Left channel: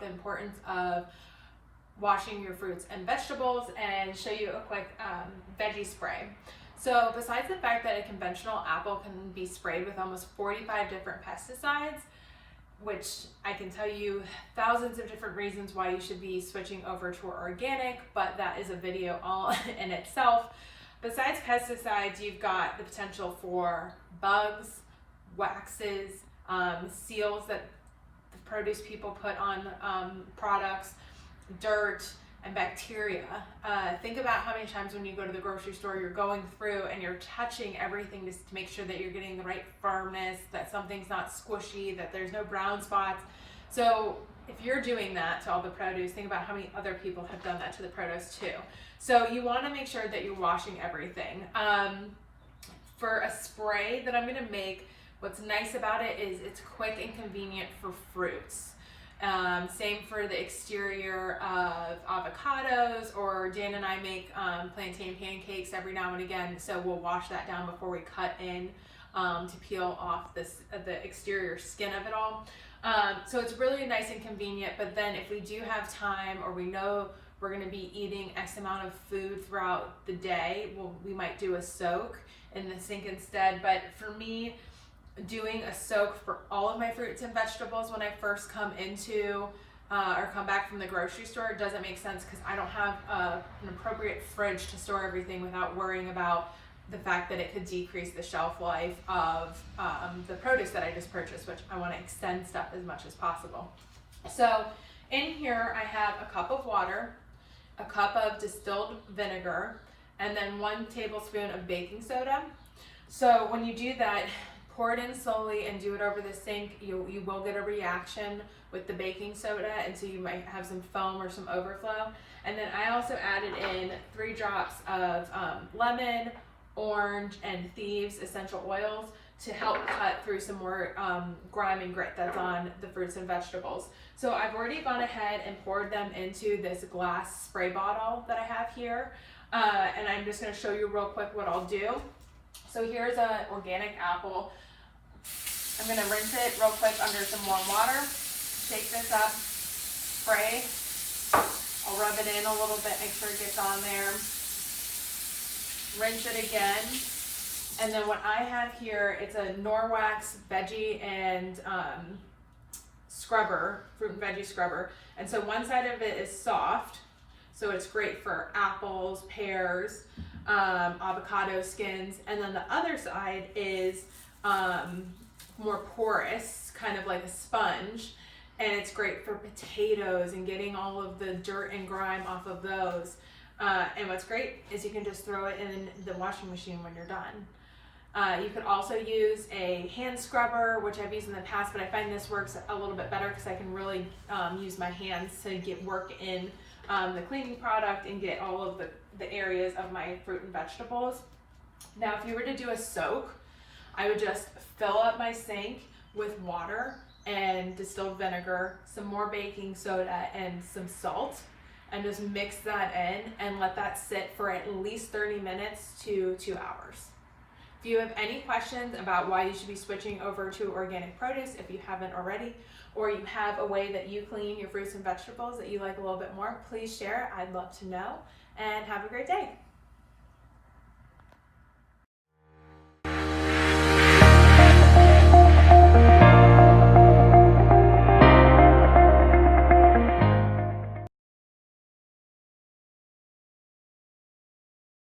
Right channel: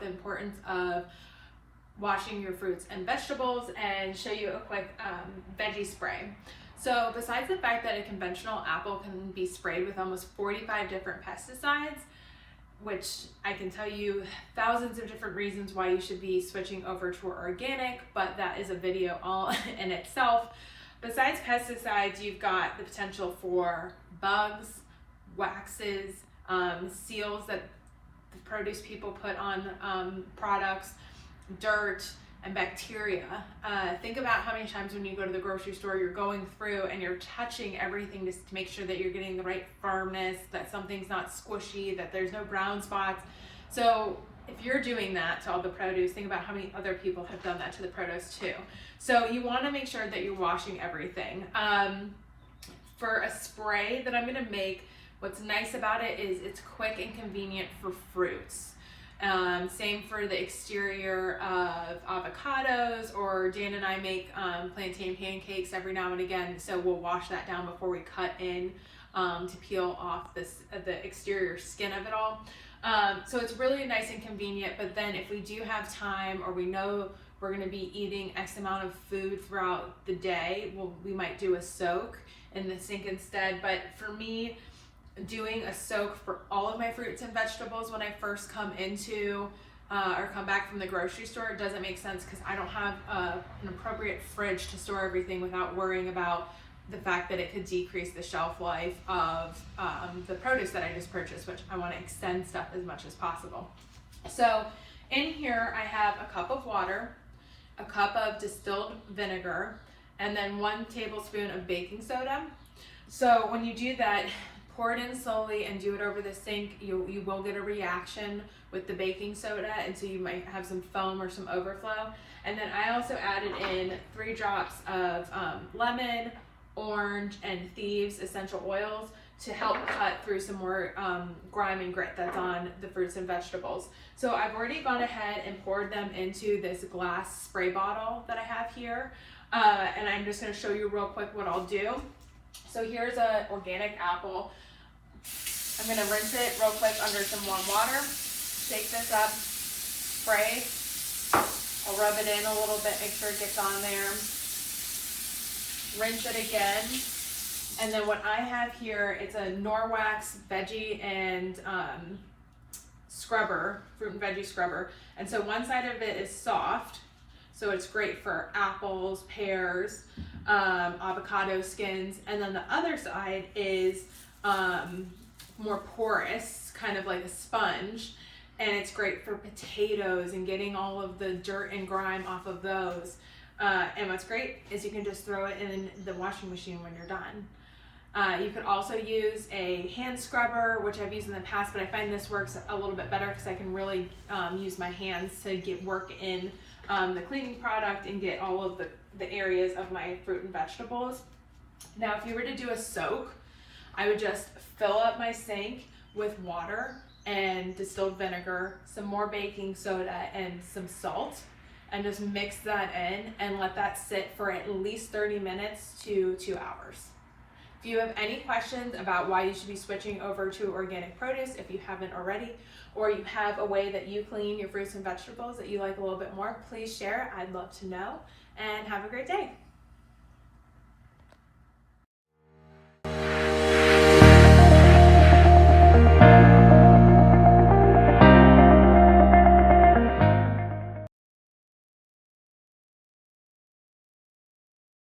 about the importance of washing your fruits and vegetables and show you a quick veggie spray. So besides the fact that a conventional apple can be sprayed with almost 45 different pesticides, which I can tell you thousands of different reasons why you should be switching over to organic, but that is a video all in itself. Besides pesticides, you've got the potential for bugs, waxes, seals that the produce people put on products, dirt, and bacteria. Think about how many times when you go to the grocery store, you're going through and you're touching everything just to make sure that you're getting the right firmness, that something's not squishy, that there's no brown spots. So if you're doing that to all the produce, think about how many other people have done that to the produce too. So you want to make sure that you're washing everything. For a spray that I'm going to make, what's nice about it is it's quick and convenient for fruits. Same for the exterior of avocados, or Dan and I make plantain pancakes every now and again, so we'll wash that down before we cut in to peel off the exterior skin of it all. So it's really nice and convenient, but then if we do have time, or we know we're going to be eating X amount of food throughout the day, we might do a soak in the sink instead. But for me, doing a soak for all of my fruits and vegetables when I first come into or come back from the grocery store doesn't make sense, because I don't have an appropriate fridge to store everything without worrying about the fact that it could decrease the shelf life of the produce that I just purchased, which I want to extend stuff as much as possible. So in here I have a cup of water, a cup of distilled vinegar, and then 1 tablespoon of baking soda. So when you do that, pour it in slowly and do it over the sink. You will get a reaction with the baking soda, and so you might have some foam or some overflow. And then I also added in 3 drops of lemon, orange, and thieves essential oils to help cut through some more grime and grit that's on the fruits and vegetables. So I've already gone ahead and poured them into this glass spray bottle that I have here. And I'm just going to show you real quick what I'll do. So here's an organic apple. I'm going to rinse it real quick under some warm water, shake this up, spray. I'll rub it in a little bit, make sure it gets on there. Rinse it again. And then what I have here, it's a Norwax veggie and scrubber, fruit and veggie scrubber. And so one side of it is soft, so it's great for apples, pears, avocado skins, and then the other side is more porous, kind of like a sponge, and it's great for potatoes and getting all of the dirt and grime off of those. And what's great is you can just throw it in the washing machine when you're done. You could also use a hand scrubber, which I've used in the past, but I find this works a little bit better because I can really use my hands to get work in the cleaning product and get all of the areas of my fruit and vegetables. Now, if you were to do a soak, I would just fill up my sink with water and distilled vinegar, some more baking soda, and some salt, and just mix that in and let that sit for at least 30 minutes to 2 hours. If you have any questions about why you should be switching over to organic produce, if you haven't already, or you have a way that you clean your fruits and vegetables that you like a little bit more, please share. I'd love to know, and have a great day.